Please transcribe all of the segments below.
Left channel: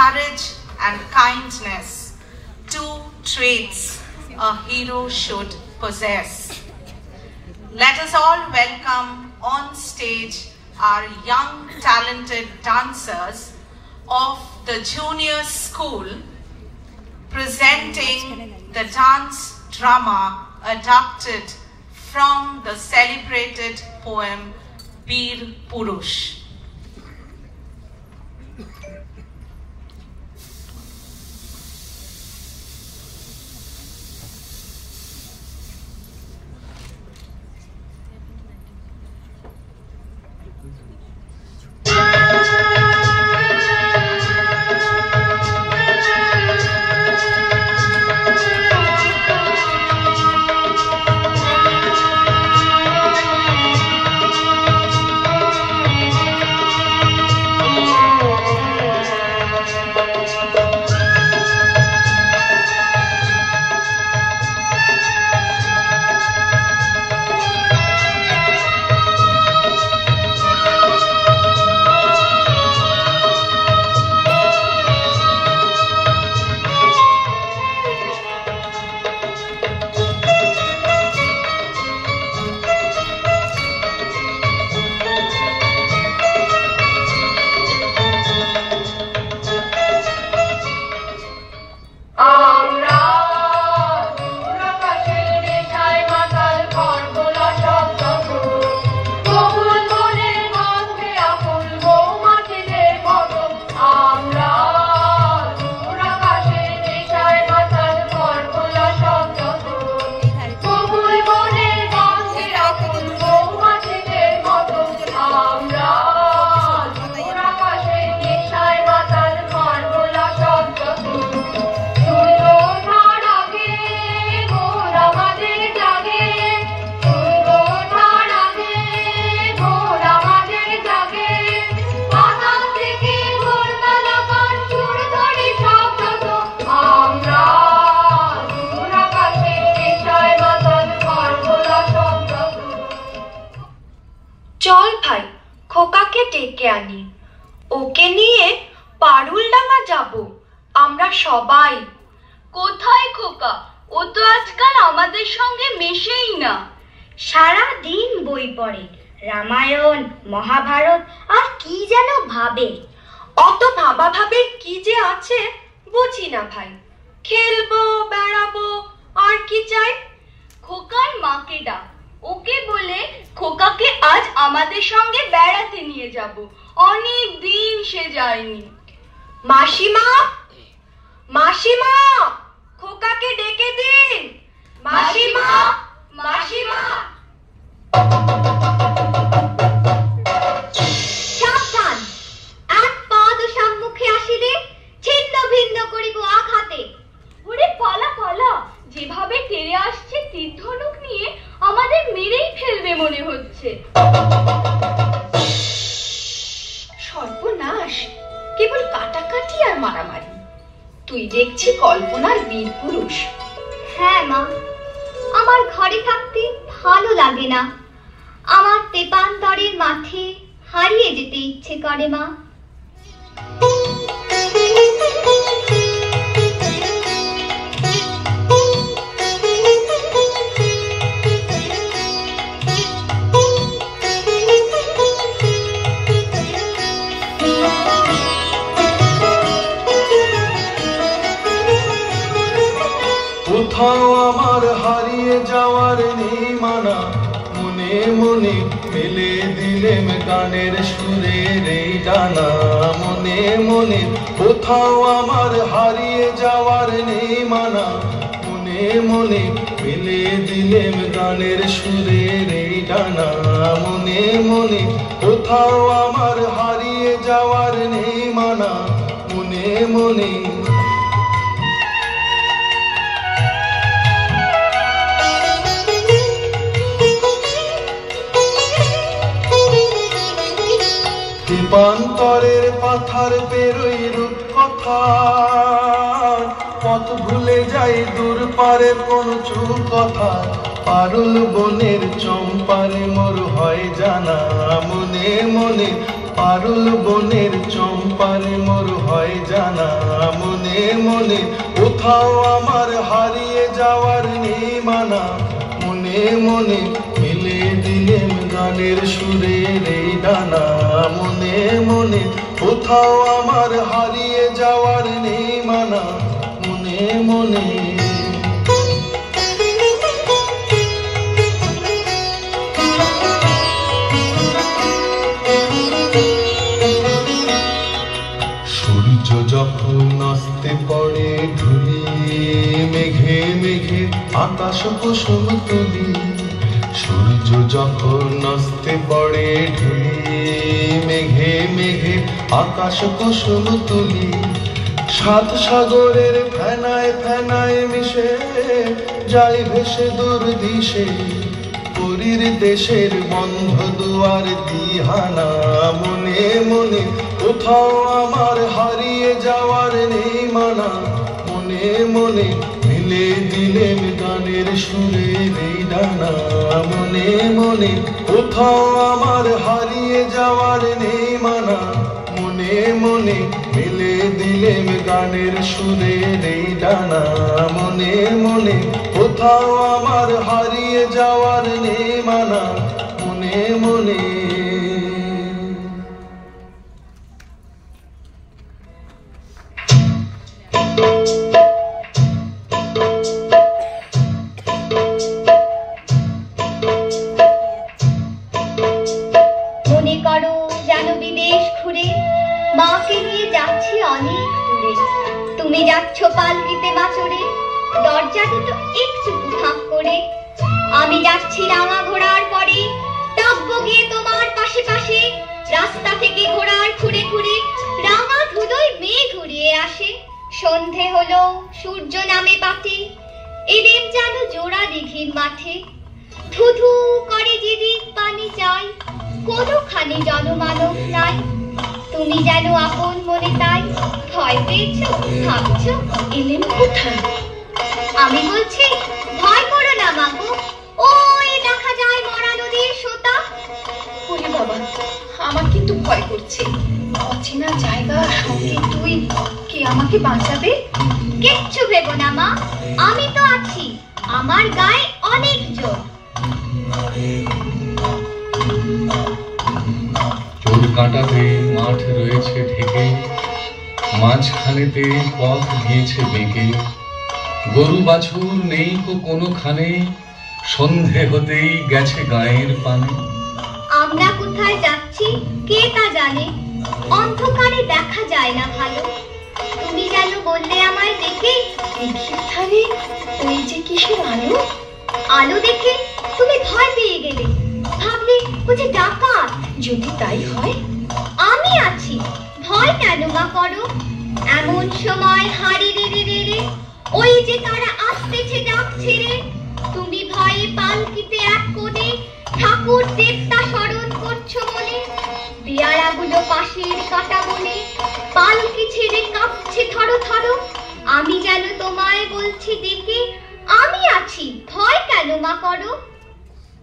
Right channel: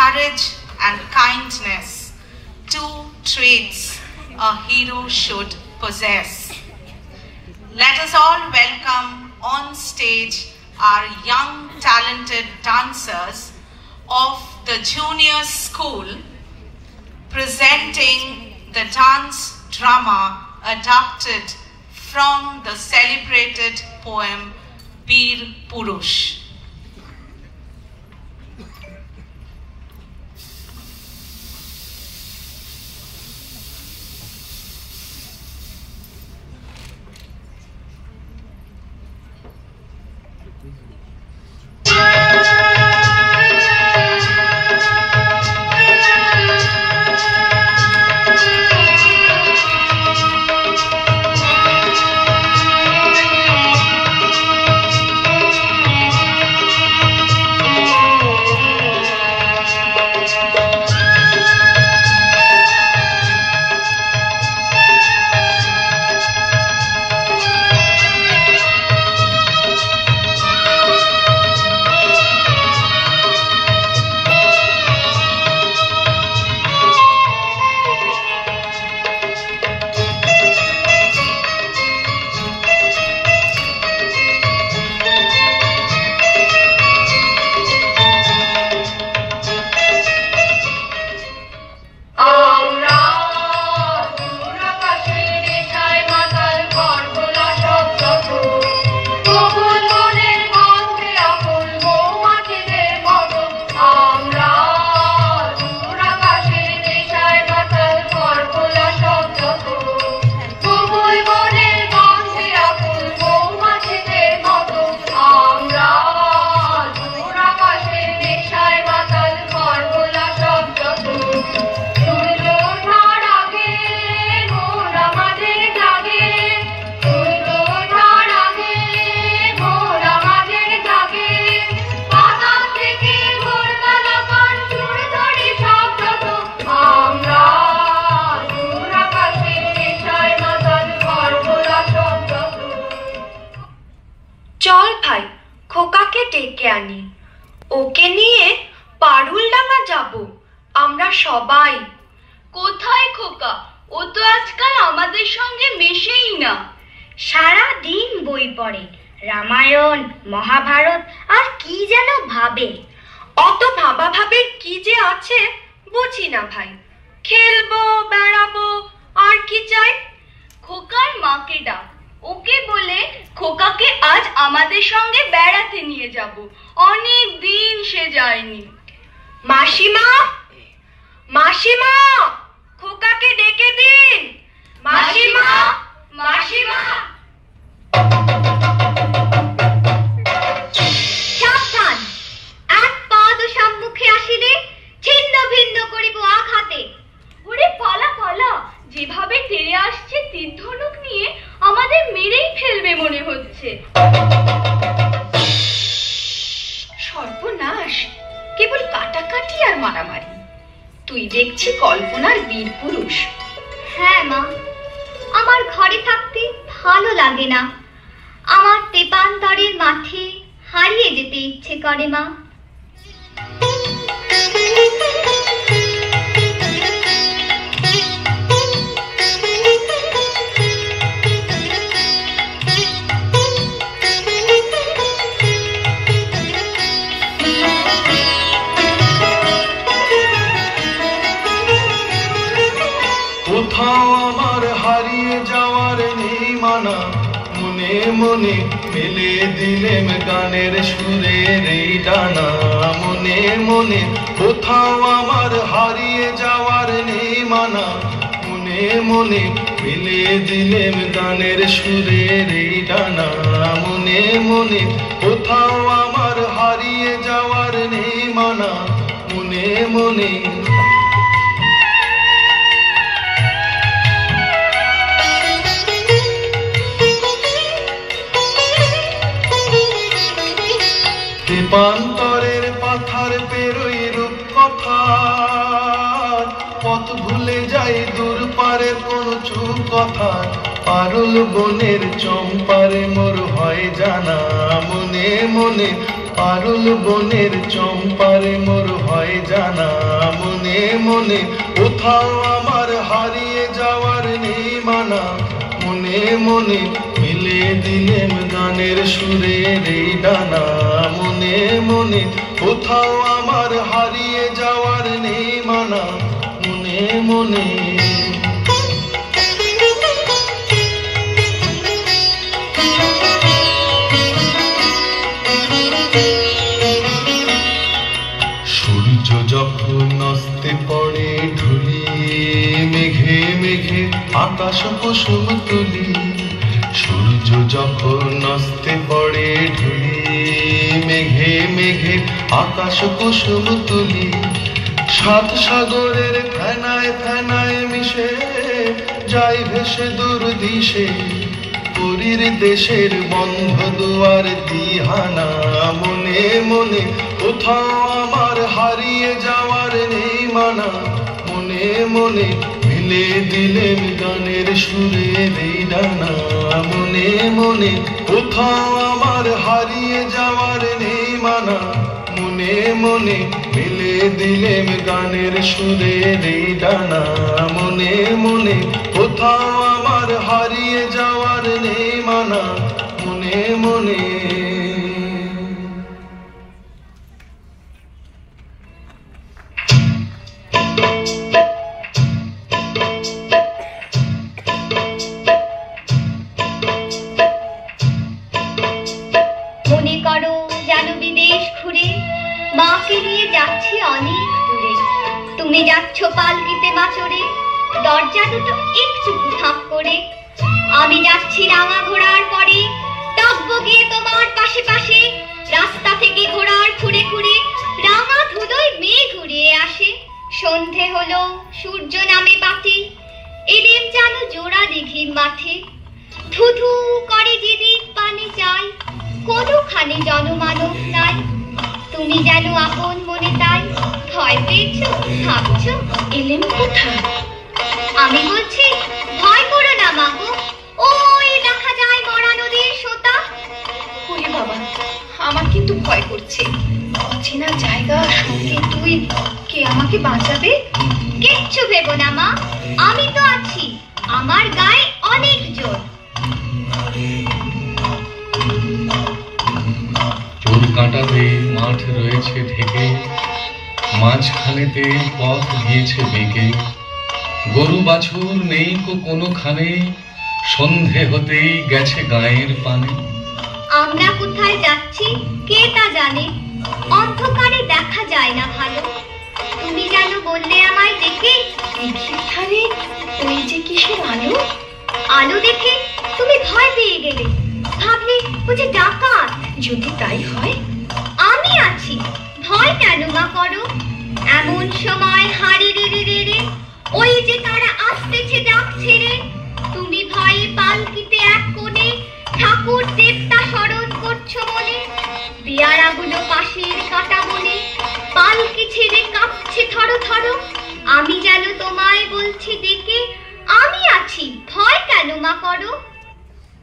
courage and kindness, two traits a hero should possess. Let us all welcome on stage our young talented dancers of the junior school presenting the dance drama adapted from the celebrated poem Bir Purush. ওকে নিয়ে পারুলডাঙ্গা যাব আমরা সবাই। কোথায় খোকা? ও তো আজকাল আমাদের সঙ্গে মেশেই না। সারা দিন বই পড়ে, রামায়ণ মহাভারত আর কি যেন ভাবে। অত ভাবা ভাবের কি যে আছে বুঝি না ভাই। খেলবো বেড়াবো আর কি চাই। খোকার মাকে ডাক, ওকে বলে খোকাকে আজ আমাদের সঙ্গে বেড়াতে নিয়ে যাব। অনেক দিন সে যায়নি। মাসিমা, মাসিমা, খোকাকে ডেকে দিন। মাসিমা, মাসিমা। সাবধান, এক পাদ সম্মুখে আসিলে ছিন্ন ভিন্ন করিব আঘাতে। ওরে পালা পালা, যেভাবে তেড়ে আসছে তীরধনুক নিয়ে আমাদের মেরেই ফেলবে মনে হচ্ছে। সর্বনাশ, কেবল কাটাকাটি আর মারামারি। তুই দেখছি কল্পনার বীর পুরুষ। হ্যাঁ মা, আমার ঘরে থাকতে ভালো লাগে না। আমার তেপান্তরের মাঠে হারিয়ে যেতে ইচ্ছে করে মা। কোথাও আমার হারিয়ে যাওয়ার নেই মানা, মনে মনে মেলে দিলেম গানের সুরের এই ডানা। মনে মনে কোথাও আমার হারিয়ে যাওয়ার নেই মানা, মনে মনে মেলে দিলেম গানের সুরের এই ডানা। মনে মনে কোথাও আমার হারিয়ে যাওয়ার নেই মানা, মনে মনে। তেপান্তরের পাথার পেরোই রূপ কথা, পথ ভুলে যাই দূর পারে কোন চুপ কথা। পারুল বনের চম্পারে মোর হয় জানা, মনে মনে পারুল বনের চম্পারে মোর হয় জানা, মনে মনে কোথাও আমার হারিয়ে যাওয়ার নেই মানা। মনে মনে মিলে দিলেন গানের সুরের এই ডানা, মনে মনে কোথাও আমার হারিয়ে যাওয়ার নেই মানা। মনে মনে সূর্য যখন অস্তে পড়ে ঢুলি, মেঘে মেঘে আকাশ কুসুম তুলি। সূর্য যখন অস্তে পড়ে ঢুলি, মেঘে মেঘে আকাশ কুসুম তুলি। সাত সাগরের ফেনায় ফেনায় মিশে যাই ভেসে দূর দিশে, পুরীর দেশের বন্ধ দুয়ার দিহানা। মনে মনে কোথাও আমার হারিয়ে যাওয়ার নেই মানা। মনে মনে মিলে দিলেন গানের সুরের এই ডানা, মনে মনে কোথাও আমার হারিয়ে যাওয়ার নেই মানা। মনে মনে মিলে দিলেন গানের সুরের এই ডানা, মনে মনে কোথাও আমার হারিয়ে যাওয়ার নেই মানা। মনে মনে মনে করো যেন বিদেশ ঘুরে মাকে নিয়ে যাচ্ছি অনেক দূরে। তুমি যাচ্ছ পালকিতে বাছরে, দরজা দুটো একটু ফাঁক করে। আমি যাচ্ছি রাঙা ঘোড়ার পরে, ডাকবো গিয়ে তোমার পাশে পাশে। রাস্তা থেকে ঘোড়ার খুঁড়ে খুঁড়ে রাঙা ধুলোয় মেয়ে ঘুরিয়ে আসে। সন্ধে হলো, সূর্য নামে পাতে, এলেম যেন জোড়া দিঘির মাঠে। ধুধু করে যেদিক পানি চাই, কোনোখানে জনমানব নাই। তুমি যেন আপন মনে তাই, ভয় পেয়েছো ভাবছো এলেম কোথায়। আমি বলছি ভয় করো না মাগো, ওই দেখা যায় মরা নদীর সোতা। ওরে বাবা, আমার কিন্তু ভয় করছে। অচেনা জায়গা, সঙ্গে তুই, কে আমাকে বাঁচাবে? কিচ্ছু ভেবো না মা, আমি তো আছি, আমার গায়ে অনেক জোর। চোর কাঁটাতে মাঠ রয়েছে ঢেকে, মাঝখানেতে পথ গিয়েছে বেঁকে। গরু বাছুর নেই কোনোখানে, সন্ধে হতেই গেছে গায়ের পানে। আমরা কোথায় যাচ্ছি কে তা জানে, অন্ধকারে দেখা যায় না ভালো। তুমি যেন বললে আমায় দেখে, দিঘির ধারে ওই যে কিসের আলো। আলো দেখে তুমি ভয় পেয়ে গেলে, ভাবলে বুঝি ডাকাত। যদি তাই হয়, আমি আছি, ভয় কেন মা করো। এমন সময় হাড়ে রে রে রে রে, ওই যে তারা আসতেছে ডাক ছেড়ে। তুমি ভয়ে পালকিতে এক কোণে ঠাকুর দেবতা স্মরণ করছো মনে। পেয়ারাগুলো পাশের কাটা বনে, পালকি ছেড়ে কাঁপছে থরো থরো। আমি যেন তোমায় বলছি ডেকে, আমি আছি, ভয় কেন মা করো।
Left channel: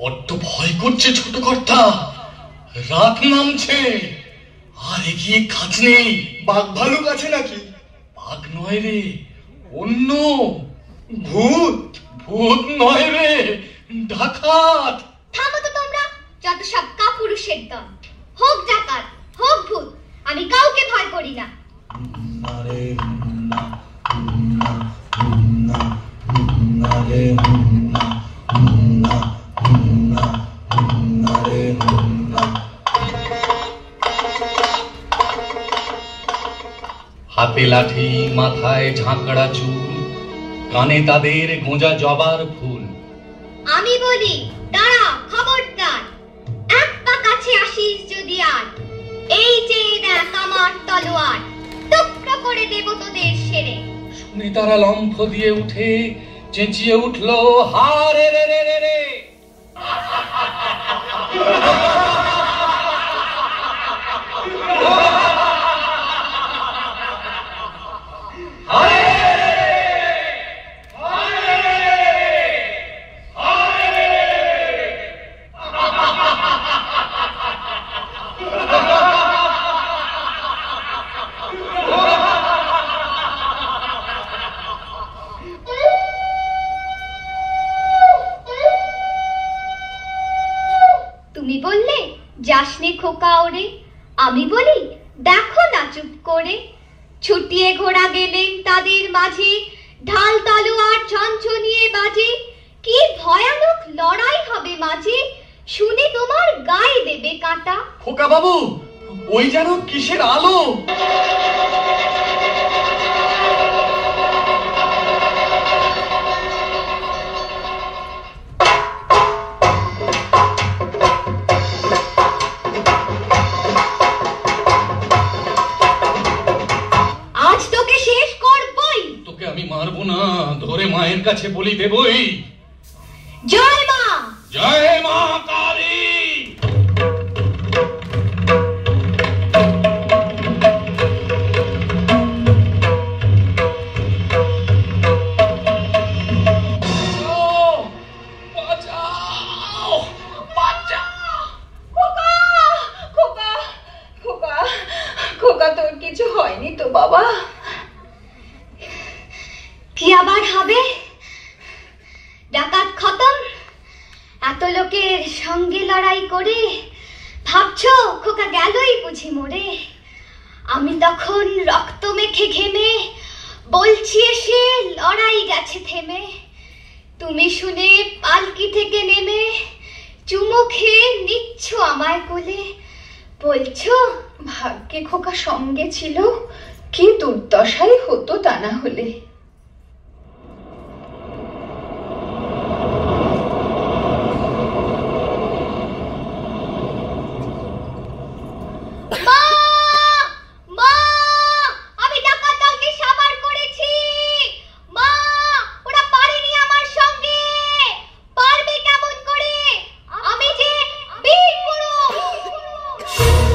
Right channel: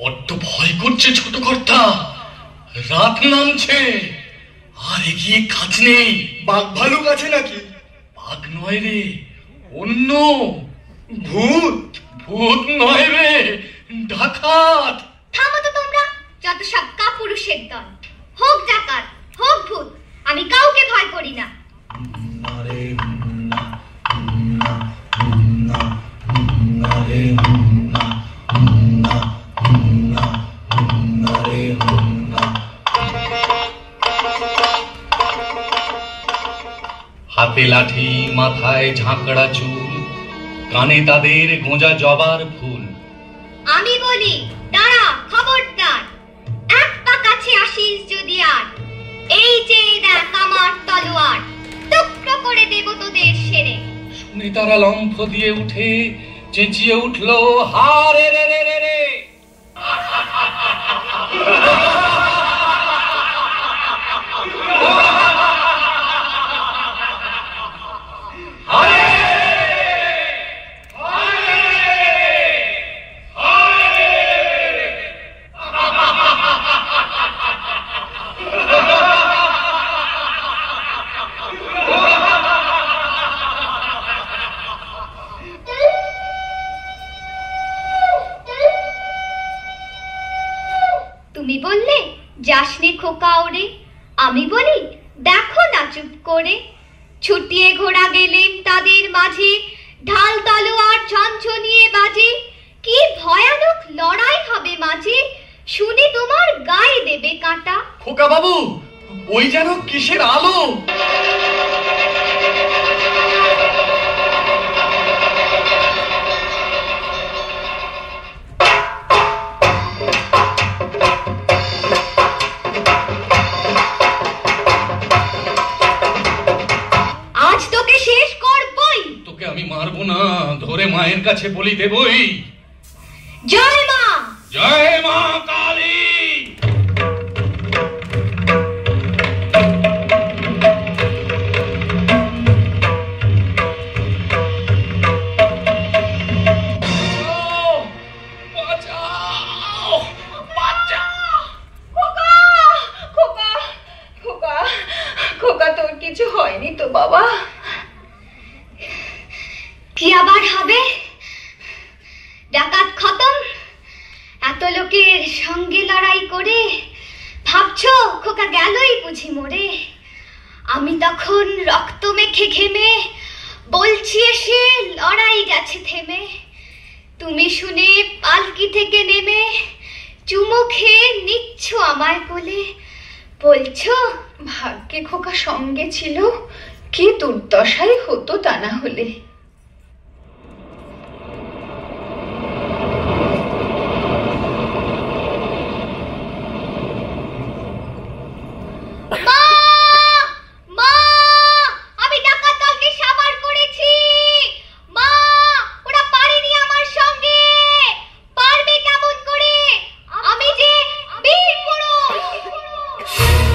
বড্ড ভয় করছে ছোট কর্তা, রাত নামছে, আর এগিয়ে কাজ নেই। বাঘ ভালুক আছে নাকি? বাঘ নয় রে, অন্য ভূত? ভূত নয় রে, ডাকাত। থামো তো তোমরা, যত সব কাপুরুষের দল। হোক ডাকাত, হোক ভূত, আমি কাউকে ভয় করি না। হাতে লাঠি, মাথায় ঝাঁকড়া চুল, কানে তাদের গোঁজা জবার ফুল। আমি বলি দাঁড়া, খবরদার, এক পা কাছে আসিস যদি আর। এই যে দেখ আমার তলোয়ার, টুকরো করে দেব তোদের সেরে। শুনে তারা লম্ফ দিয়ে উঠে চেঁচিয়ে উঠলো, হারে রে রে রে রে। খোকা ওরে, আমি বলি দেখো না চুপ করে। ছুটিয়ে ঘোড়া গেলেন তাদের মাঝে, ঢাল তলোয়ার ঝনঝনিয়ে বাজে। কি ভয়ানক লড়াই হবে মাঝে, শুনে তোমার গায়ে দেবে কাঁটা। খোকা বাবু, ওই যেন কিসের আলো! আজ তোকে শেষ করবই। তোকে আমি মারবো না, ধরে মায়ের কাছে বলি দেবই। জয় মা, জয় মা কালী। কিছু হয়নি তো বাবা? কি আবার হবে? ডাকাত খতম। এত লোকের সঙ্গে লড়াই করে ভাবছো খোকা গেলই বুঝি মরে। আমি তখন রক্ত মেখে ঘেমে বলছি এসে লড়াই গেছে থেমে। তুমি শুনে পালকি থেকে নেমে চুমো খেয়ে নিচ্ছ আমায় কোলে, বলছো ভাগ্যে খোকা সঙ্গে ছিল, কি দুর্দশাই হতো তা না হলে। পুরুষ।